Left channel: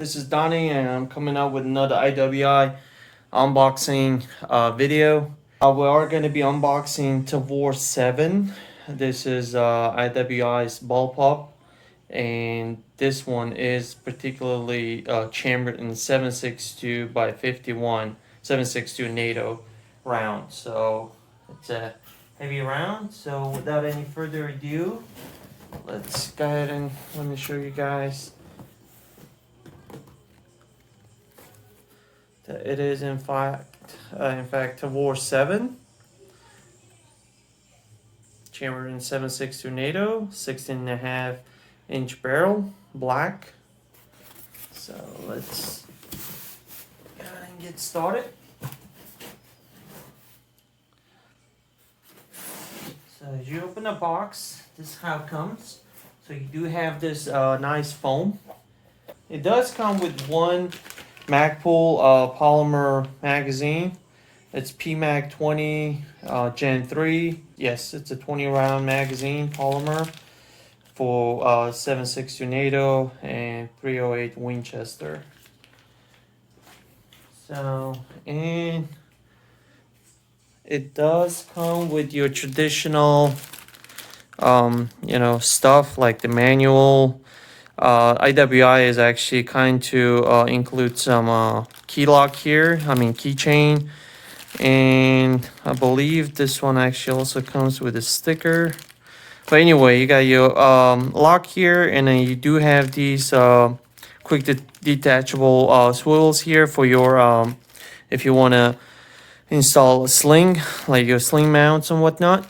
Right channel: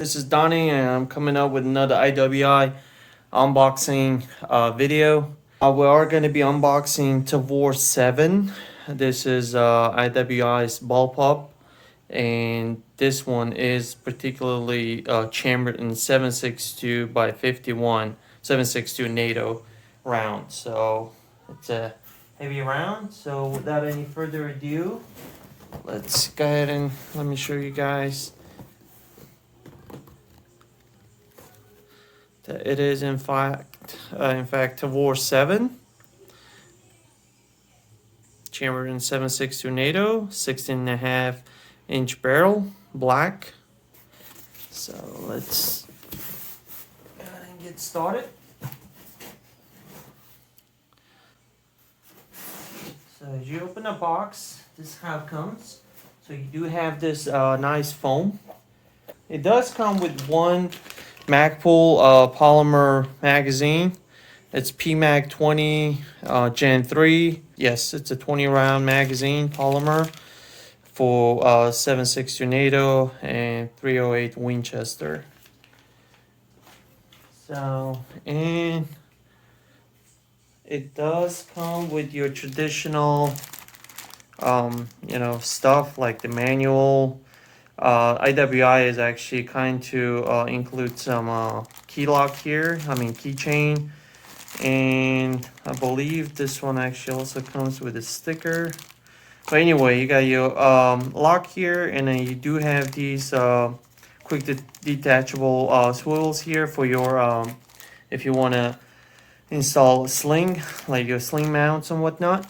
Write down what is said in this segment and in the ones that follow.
This is Donnie, and I'm coming up with another IWI unboxing video. We are going to be unboxing Tavor 7. This is IWI's Bullpup, and this one is particularly chambered in 7.62 by 51 7.62 NATO round. So it's a heavy round. So without any further ado, let's go ahead and let me show you guys. It is in fact Tavor 7, chambered in 7.62 NATO, 16.5-inch barrel, black. So let's go ahead and get started. So as you open the box, this is how it comes. So you do have this nice foam. It does come with one Magpul polymer magazine. It's PMag 20 Gen 3. Yes, it's a 20 round magazine polymer for 7.62 NATO and 308 Winchester. So, and it does come with your traditional stuff like the manual. IWI is actually kind to include some key lock here, keychain, and I believe this one actually also comes with a sticker. But anyway, you got your lock here, and then you do have these quick detachable swivels here for your if you want to install a sling, like your sling mounts and whatnot,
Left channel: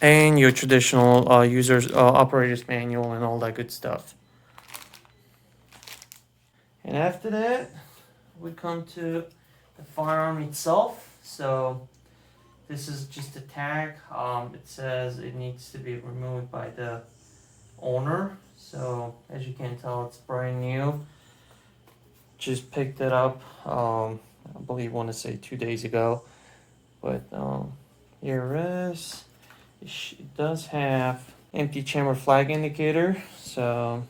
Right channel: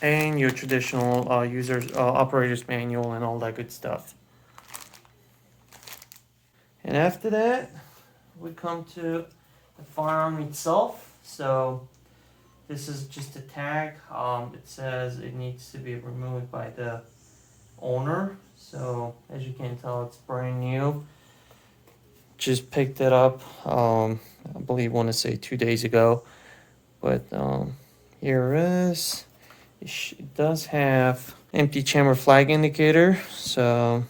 and your traditional operator's manual and all that good stuff. And after that, we come to the firearm itself. So this is just a tag. It says it needs to be removed by the owner. So as you can tell, it's brand new. Just picked it up, I believe, want to say 2 days ago. But here it is. It does have empty chamber flag indicator, so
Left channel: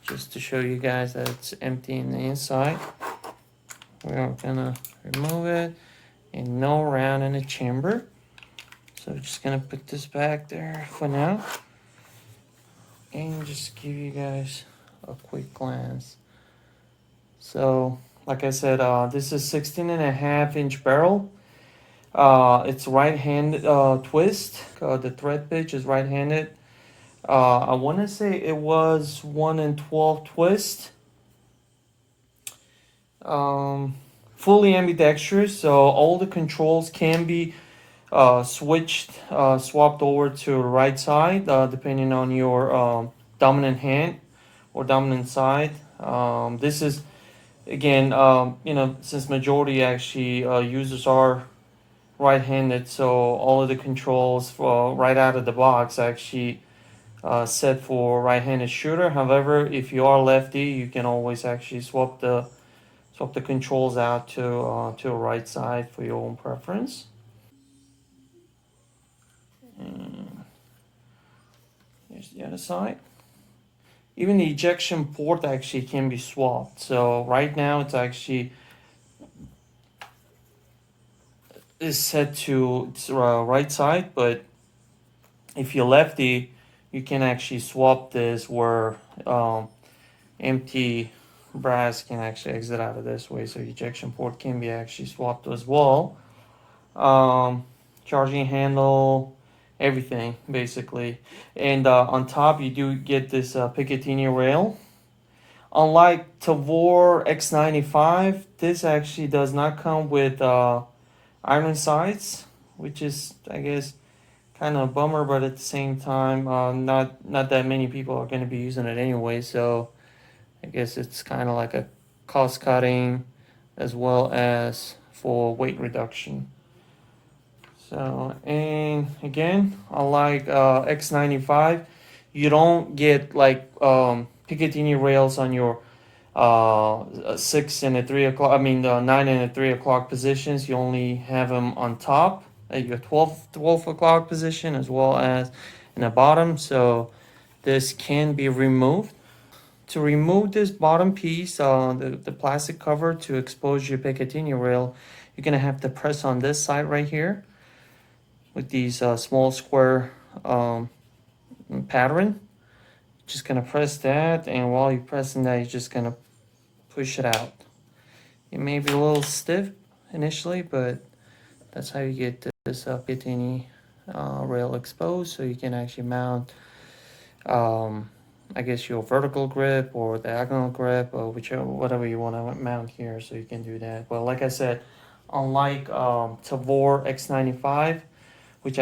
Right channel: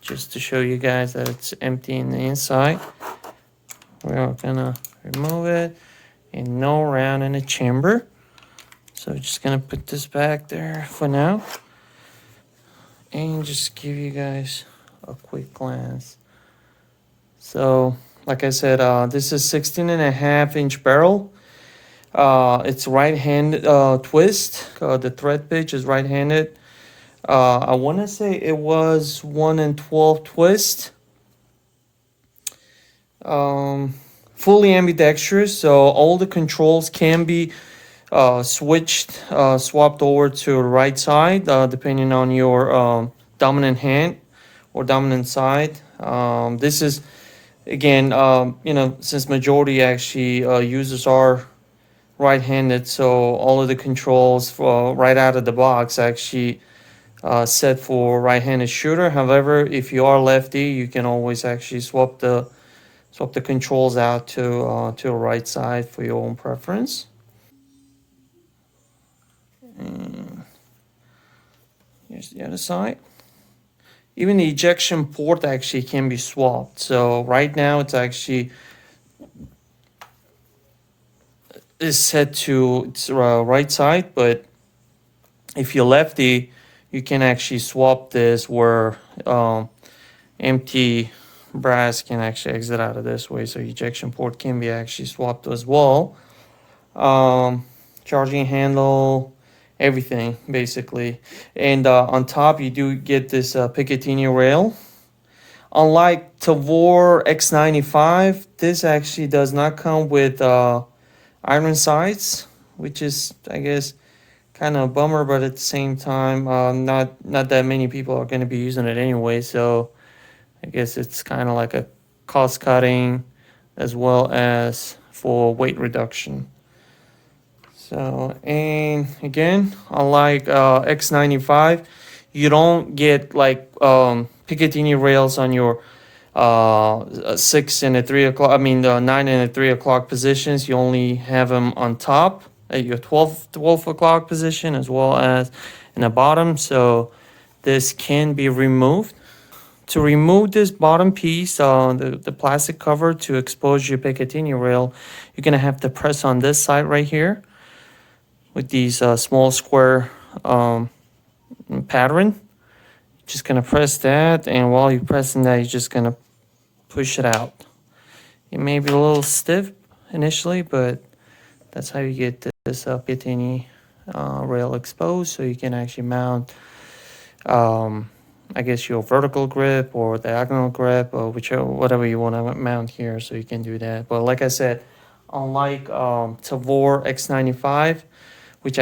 just to show you guys that it's empty in the inside, we're gonna remove it, and no round in the chamber. So just gonna put this back there for now and just give you guys a quick glance. So like I said, this is 16.5-inch barrel. It's right-handed twist. The thread pitch is right-handed. I want to say it was 1 in 12 twist. Fully ambidextrous, so all the controls can be swapped over to the right side, depending on your dominant hand or dominant side. This is, again, since majority actually users are right-handed, so all of the controls for right out of the box actually set for right-handed shooter. However, if you are lefty, you can always actually swap the controls out to a right side for your own preference. And here's the other side. Even the ejection port actually can be swapped. So right now it's actually is set to its right side, but if you're lefty, you can actually swap this where empty brass can actually exit out of this way. So ejection port can be actually swapped as well. Charging handle, everything basically. And on top you do get this Picatinny rail. Unlike Tavor X95, this actually does not come with iron sights, which is, I guess, kind of a bummer, but at the same time, not that many people are going to be using it anyway, so I guess it's kind of like a cost cutting as well as for weight reduction. So, and again, unlike X95, you don't get like Picatinny rails on your 6 and a 3 o'clock, the 9 and a 3 o'clock positions. You only have them on top at your 12 o'clock position as well as in the bottom. So this can be removed to remove this bottom piece, the plastic cover to expose your Picatinny rail, you're gonna have to press on this side right here with these small square pattern. Just gonna press that, and while you're pressing that, you're just gonna push it out. It may be a little stiff initially, but that's how you get this Picatinny rail exposed, so you can actually mount I guess your vertical grip or diagonal grip or whichever, whatever you want to mount here, so you can do that. But like I said, unlike Tavor X95, which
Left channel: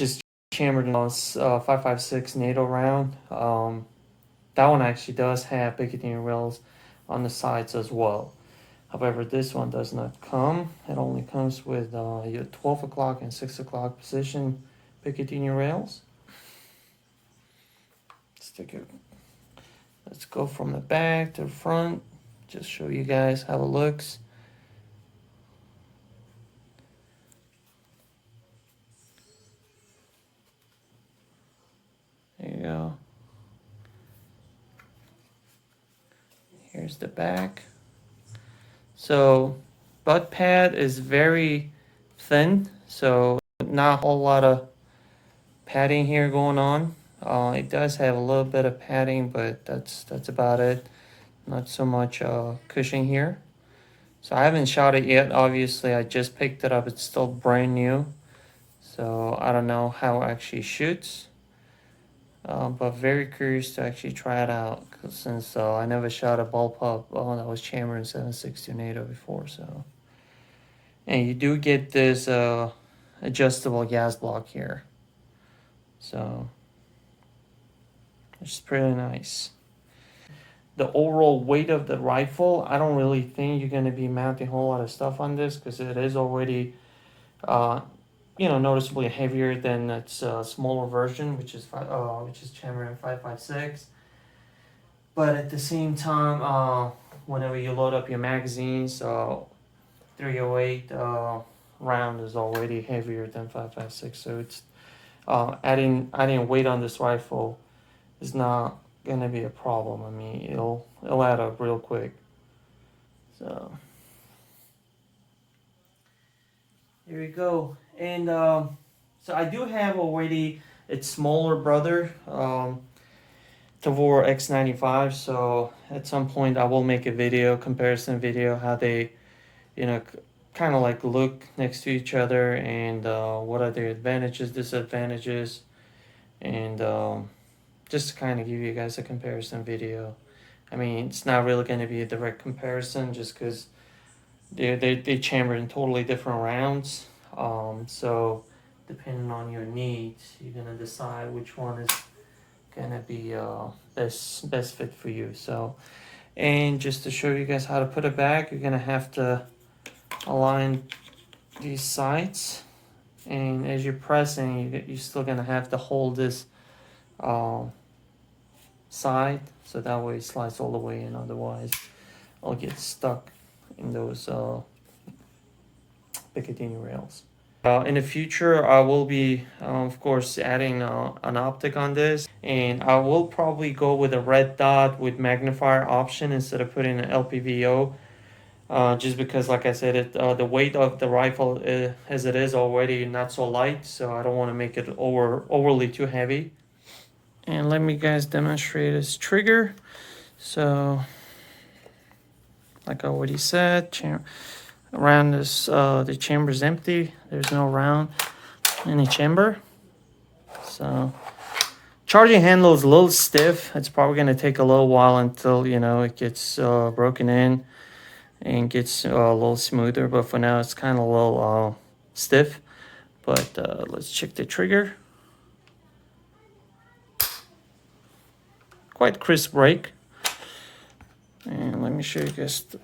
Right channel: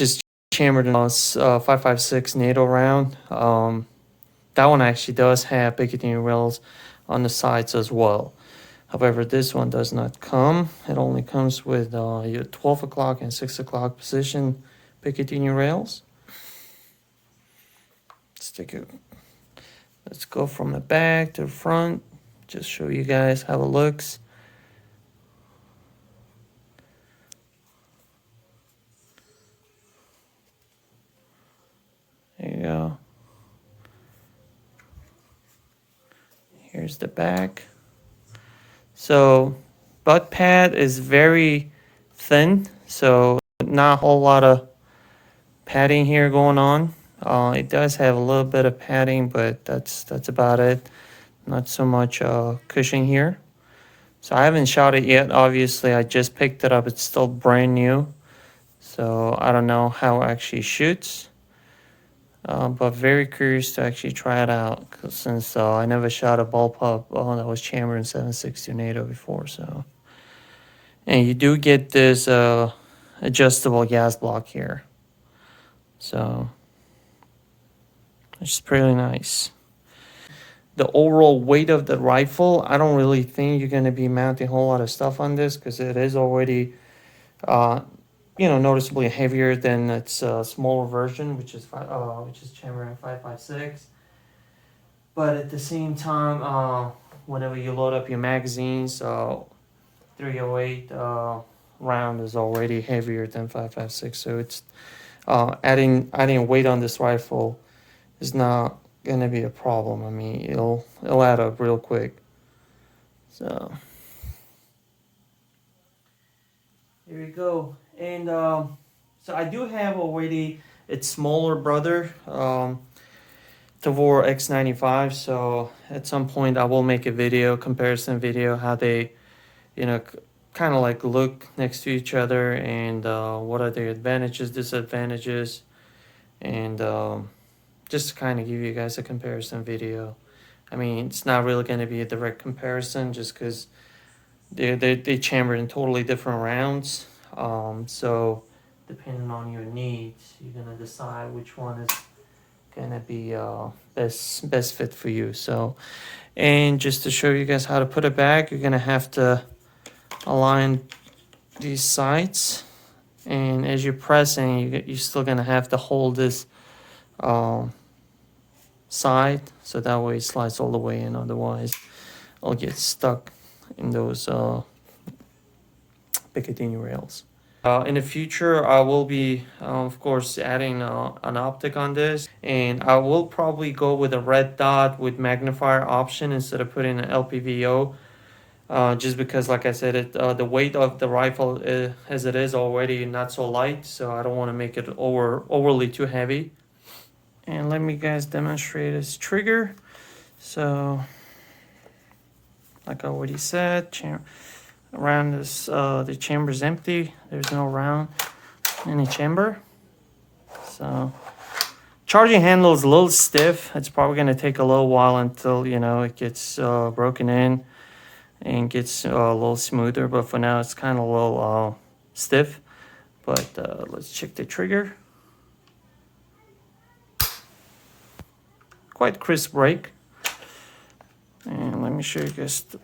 is chambered in a 5.56 NATO round, that one actually does have Picatinny rails on the sides as well. However, this one does not come. It only comes with your 12 o'clock and 6 o'clock position Picatinny rails. Let's go from the back to the front. Just show you guys how it looks. There you go. Here's the back. So butt pad is very thin, so not a whole lot of padding here going on. It does have a little bit of padding, but that's about it. Not so much cushion here. So I haven't shot it yet. Obviously, I just picked it up. It's still brand new, so I don't know how it actually shoots. But very curious to actually try it out, since I never shot a Bullpup that was chambered in 7.62 NATO before. So, and you do get this adjustable gas block here, so it's pretty nice. The overall weight of the rifle, I don't really think you're going to be mounting a whole lot of stuff on this, because it is already noticeably heavier than its smaller version, which is chambered in 5.56. But at the same time, whenever you load up your magazines, 308 round is already heavier than 5.56. So it's adding weight on this rifle is not gonna be a problem. I mean, it'll add up real quick. So here we go. And so I do have already its smaller brother, Tavor X95. So at some point I will make a comparison video, how they, kind of like look next to each other, and what are their advantages, disadvantages, and just to kind of give you guys a comparison video. I mean, it's not really going to be a direct comparison, just because they chambered in totally different rounds. So depending on your needs, you're gonna decide which one is gonna be best fit for you. So, and just to show you guys how to put it back, you're gonna have to align these sides, and as you're pressing, you're still gonna have to hold this side, so that way it slides all the way in. Otherwise, I'll get stuck in those Picatinny rails. In the future, I will be, of course, adding an optic on this, and I will probably go with a red dot with magnifier option instead of putting an LPVO, just because, like I said, the weight of the rifle as it is already not so light, so I don't want to make it overly too heavy. And let me guys demonstrate this trigger. So, like I already said, around this, the chamber is empty. There's no round in the chamber. So, charging handle is a little stiff. It's probably going to take a little while until, it gets broken in and gets a little smoother. But for now, it's kind of a little stiff. But let's check the trigger. Quite crisp break. And let me show you guys the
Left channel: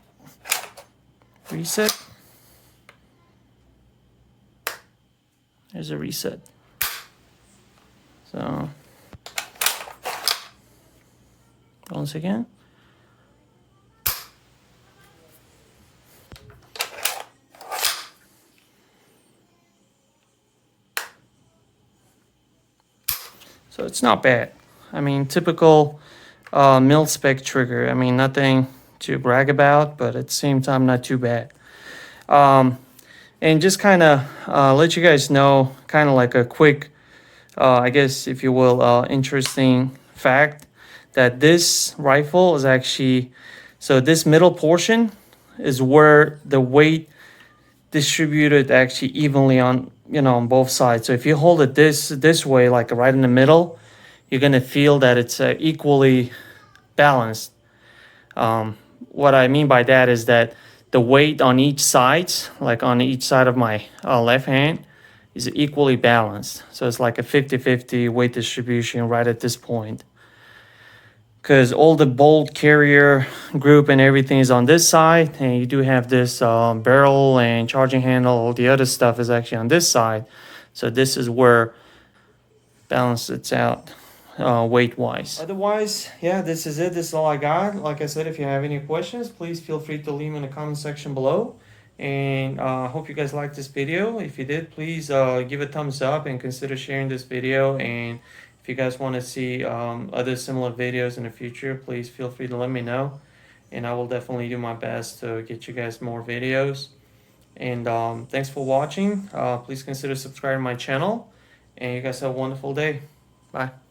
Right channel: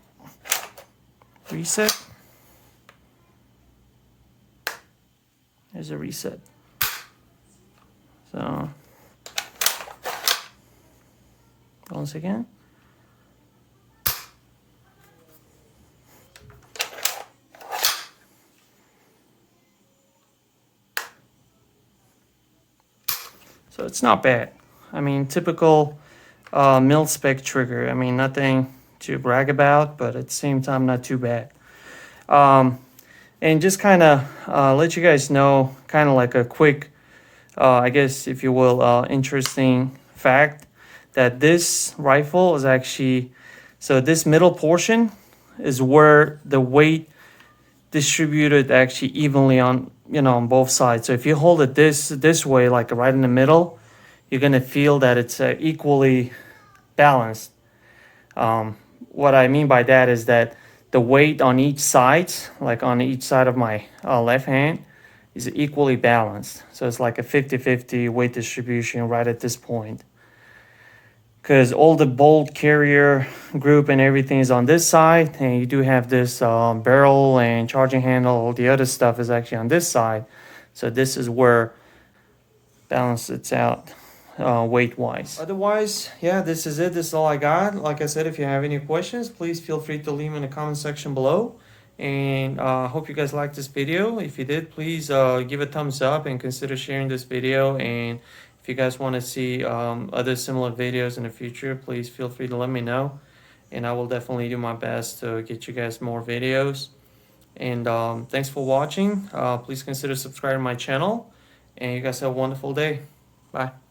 reset. There's a reset. So once again, so it's not bad. I mean, typical mil-spec trigger. I mean, nothing to brag about, but at the same time, not too bad. And just kind of let you guys know, kind of like a quick, I guess, if you will, interesting fact, that this rifle is actually, so this middle portion is where the weight distributed actually evenly on, on both sides. So if you hold it this way, like right in the middle, you're gonna feel that it's equally balanced. What I mean by that is that the weight on each side, like on each side of my left hand, is equally balanced. So it's like a 50-50 weight distribution right at this point. Because all the bolt carrier group and everything is on this side, and you do have this barrel and charging handle. All the other stuff is actually on this side. So this is where balance it's out weight wise. Otherwise, yeah, this is it. This is all I got. Like I said, if you have any questions, please feel free to leave them in the comment section below. And hope you guys liked this video. If you did, please give a thumbs up and consider sharing this video. And if you guys want to see other similar videos in the future, please feel free to let me know. And I will definitely do my best to get you guys more videos. And thanks for watching. Please consider subscribing to my channel. And you guys have a wonderful day. Bye.